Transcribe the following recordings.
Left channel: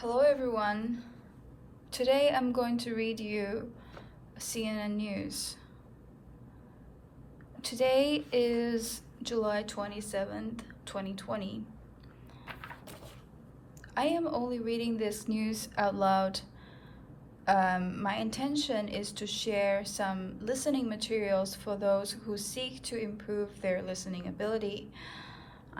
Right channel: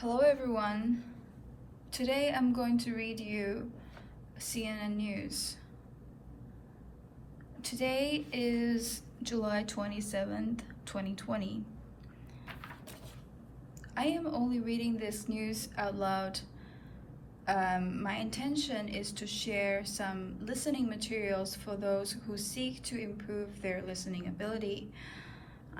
Hello everyone. Today I'm going to read you CNN News. Today is July 27th, 2020. I am only reading this news out loud. My intention is to share some listening materials for those who seek to improve their listening ability.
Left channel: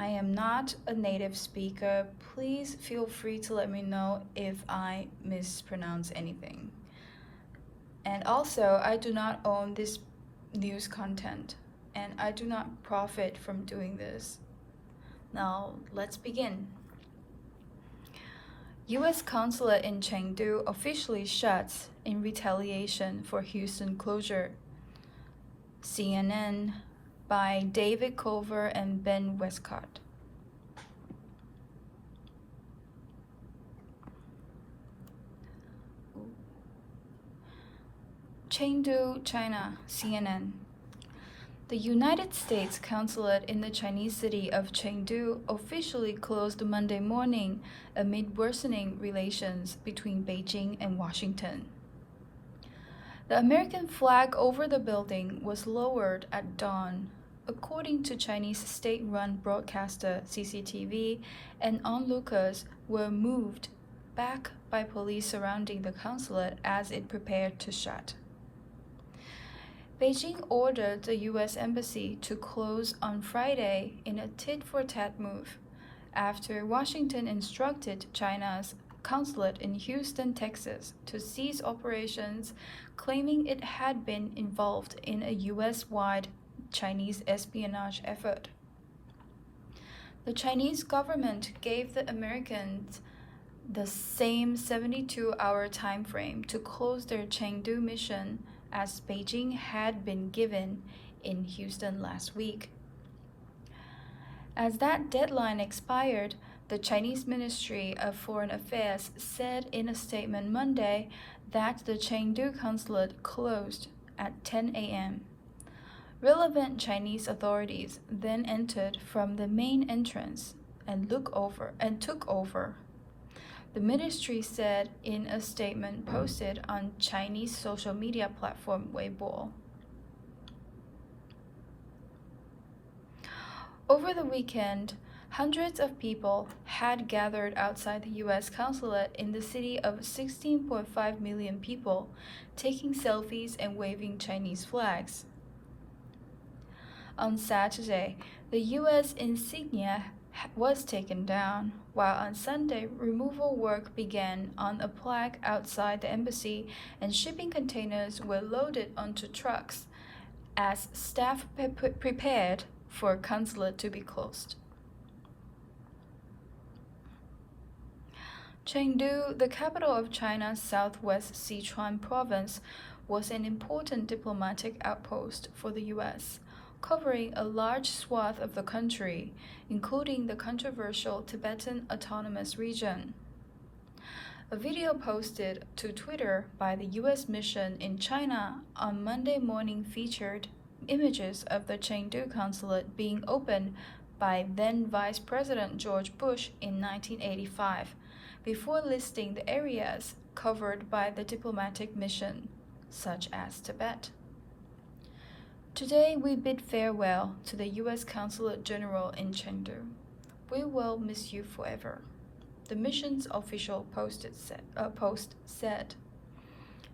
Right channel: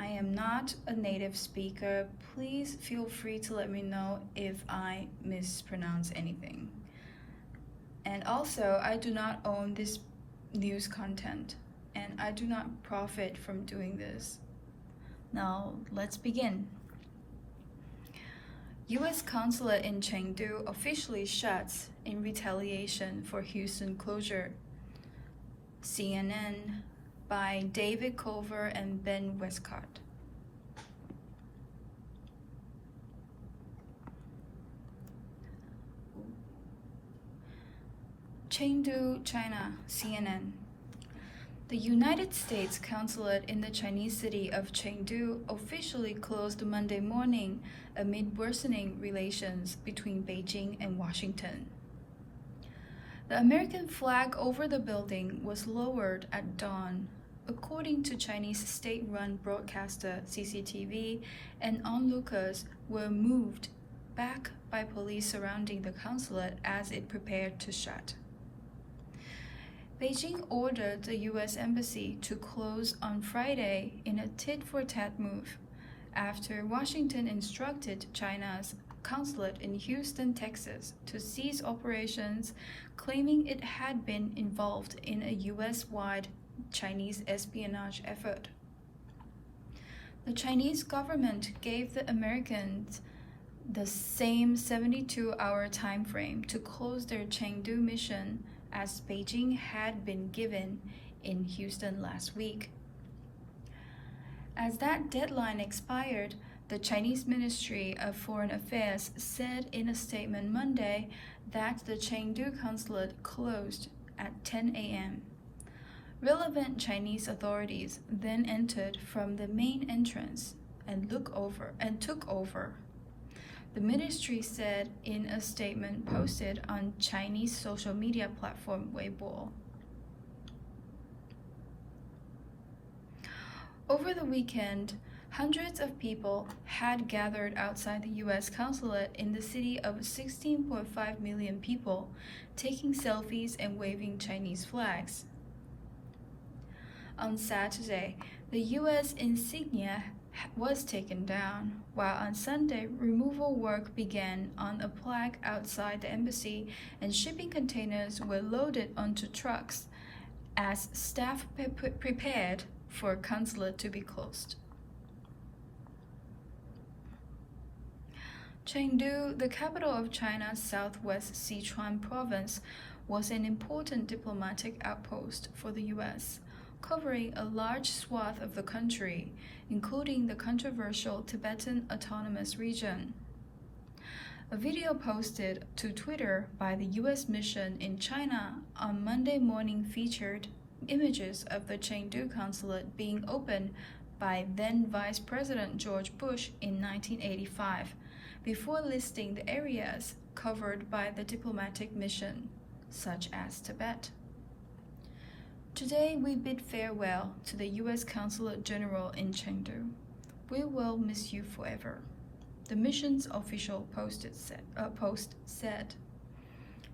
I am not a native speaker. Please feel free to let me know if I mispronounce anything. And also, I do not own this news content, and I do not profit from doing this. Now, let's begin. U.S. consulate in Chengdu officially shuts in retaliation for Houston closure. CNN by David Culver and Ben Westcott. Chengdu, China, CNN. The United States consulate in the Chinese city of Chengdu officially closed Monday morning amid worsening relations between Beijing and Washington. The American flag over the building was lowered at dawn, according to Chinese state-run broadcaster CCTV, and onlookers were moved back by police surrounding the consulate as it prepared to shut. Beijing ordered the U.S. Embassy to close on Friday in a tit-for-tat move, after Washington instructed China's consulate in Houston, Texas, to cease operations, claiming it had been involved in a U.S.-wide Chinese espionage effort. The Chinese government gave the Americans the same 72-hour time frame to close their Chengdu mission as Beijing had been given in Houston last week. As that deadline expired, the Chinese Ministry of Foreign Affairs said in a statement Monday that the Chengdu consulate closed at 10 a.m. Relevant Chinese authorities then entered from the main entrance and took over. The ministry said in a statement posted on Chinese social media platform Weibo. Over the weekend, hundreds of people had gathered outside the U.S. consulate in the city of 16.5 million people, taking selfies and waving Chinese flags. On Saturday, the U.S. insignia was taken down, while on Sunday, removal work began on a plaque outside the embassy, and shipping containers were loaded onto trucks as staff prepared for consulate to be closed. Chengdu, the capital of China's southwest Sichuan province, was an important diplomatic outpost for the U.S., covering a large swath of the country, including the controversial Tibetan Autonomous Region. A video posted to Twitter by the U.S. mission in China on Monday morning featured images of the Chengdu consulate being opened by then Vice President George Bush in 1985, before listing the areas covered by the diplomatic mission, such as Tibet. Today, we bid farewell to the U.S. Consulate General in Chengdu. We will miss you forever, the mission's official post said.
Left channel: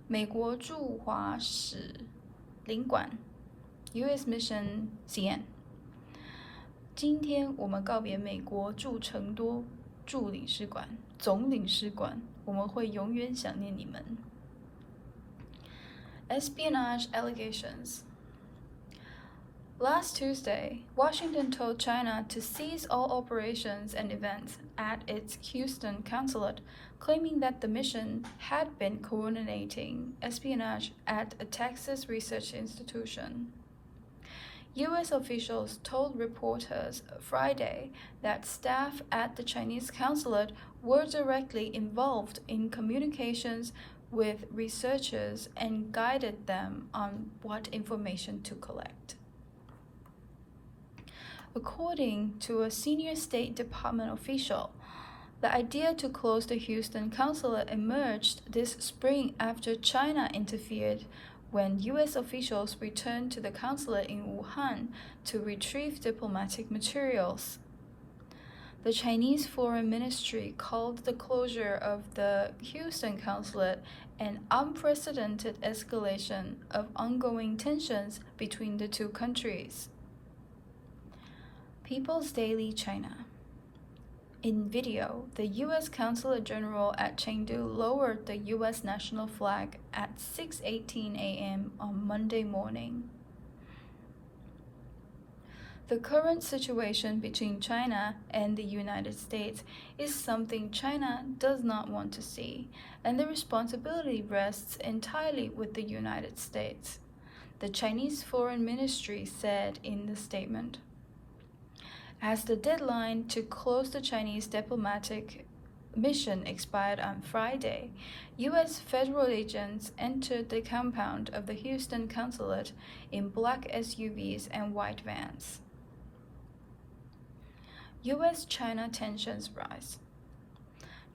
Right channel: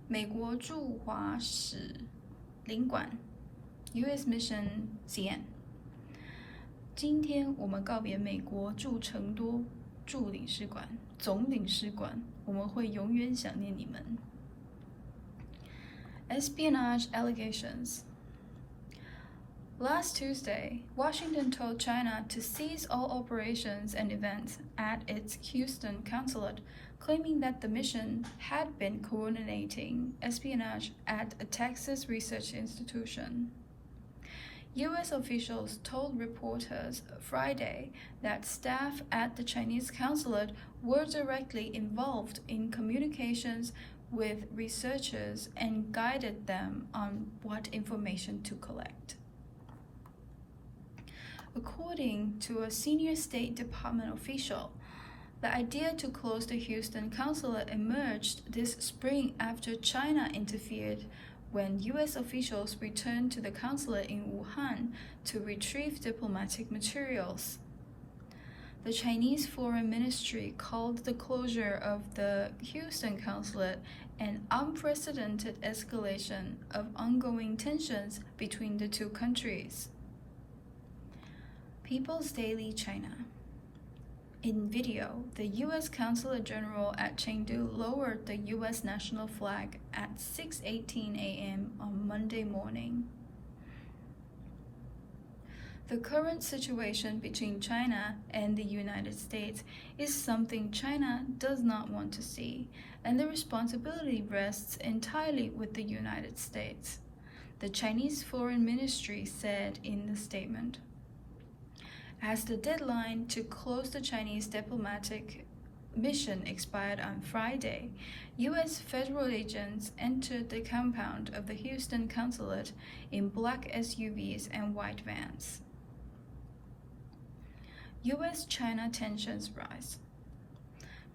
美国驻华使领馆 U.S. Mission CN 今天我们告别美国驻成都总领事馆，我们会永远想念你们。Espionage allegations. Last Tuesday, Washington told China to cease all operations and events at its Houston consulate, claiming that the mission had been coordinating espionage at a Texas research institution. U.S. officials told reporters Friday that staff at the Chinese consulate were directly involved in communications with researchers and guided them on what information to collect. According to a senior State Department official, The idea to close the Houston consulate emerged this spring after China interfered when U.S. officials returned to the consulate in Wuhan to retrieve diplomatic materials. The Chinese Foreign Ministry called the closure of the Houston consulate an unprecedented escalation of ongoing tensions between the two countries. People's Daily China. In video, the U.S. Consulate General at Chengdu lowered the U.S. national flag at 6:18 a.m. on Monday morning. The current situation between China and the United States is something China does not want to see, and the responsibility rests entirely with the United States, the Chinese Foreign Ministry said in the statement. As the deadline to close the Chinese diplomatic mission expired on Friday, U.S. federal agents entered the compound of the Houston consulate in black SUVs and white vans. U.S.-China tensions rise.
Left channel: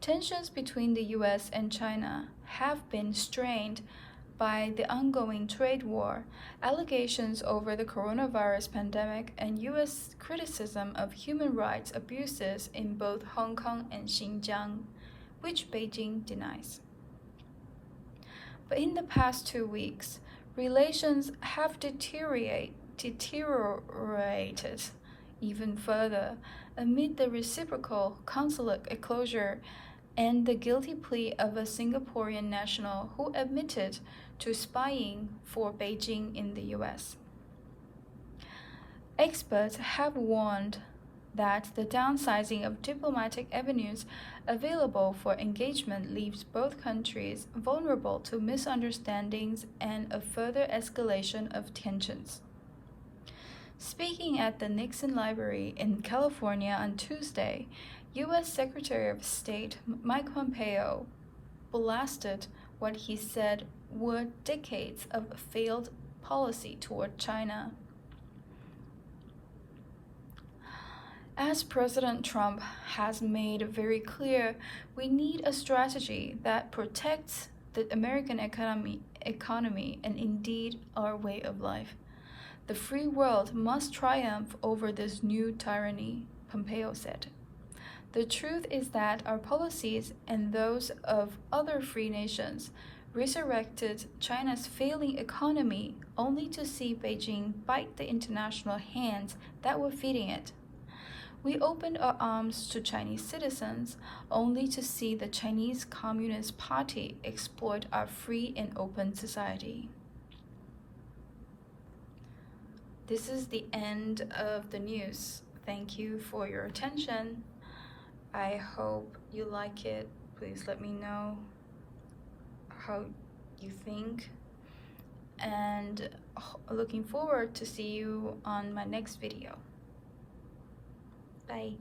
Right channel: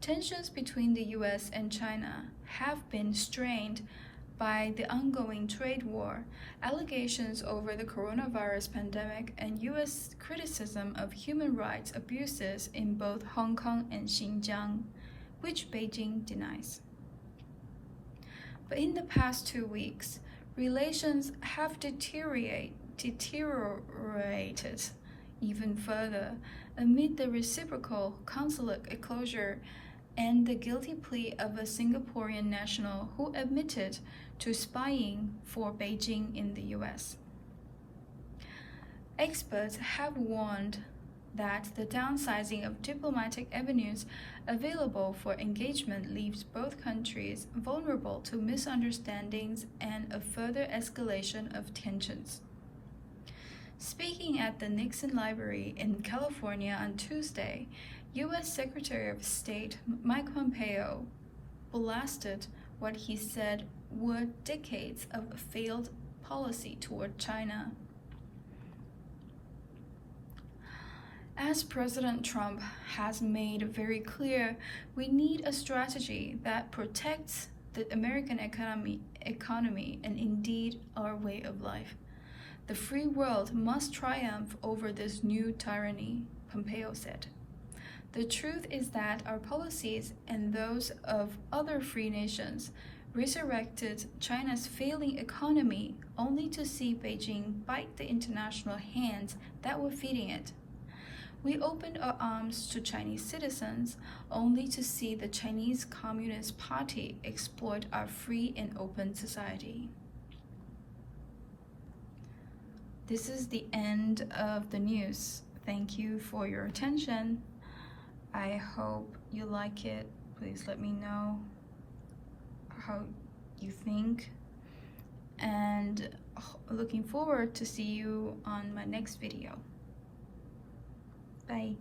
Tensions between the U.S. and China have been strained by the ongoing trade war, allegations over the coronavirus pandemic, and U.S. criticism of human rights abuses in both Hong Kong and Xinjiang, which Beijing denies. But in the past 2 weeks, relations have deteriorated even further amid the reciprocal consulate closure and the guilty plea of a Singaporean national who admitted to spying for Beijing in the U.S. Experts have warned that the downsizing of diplomatic avenues available for engagement leaves both countries vulnerable to misunderstandings and a further escalation of tensions. Speaking at the Nixon Library in California on Tuesday, U.S. Secretary of State Mike Pompeo blasted what he said were decades of failed policy toward China. As President Trump has made very clear, we need a strategy that protects the American economy and indeed our way of life. The free world must triumph over this new tyranny, Pompeo said. The truth is that our policies and those of other free nations resurrected China's failing economy only to see Beijing bite the international hands that were feeding it. We opened our arms to Chinese citizens only to see the Chinese Communist Party exploit our free and open society. This is the end of the news. Thank you for your attention. I hope you like it. Please let me know how you think, and looking forward to see you on my next video. Bye.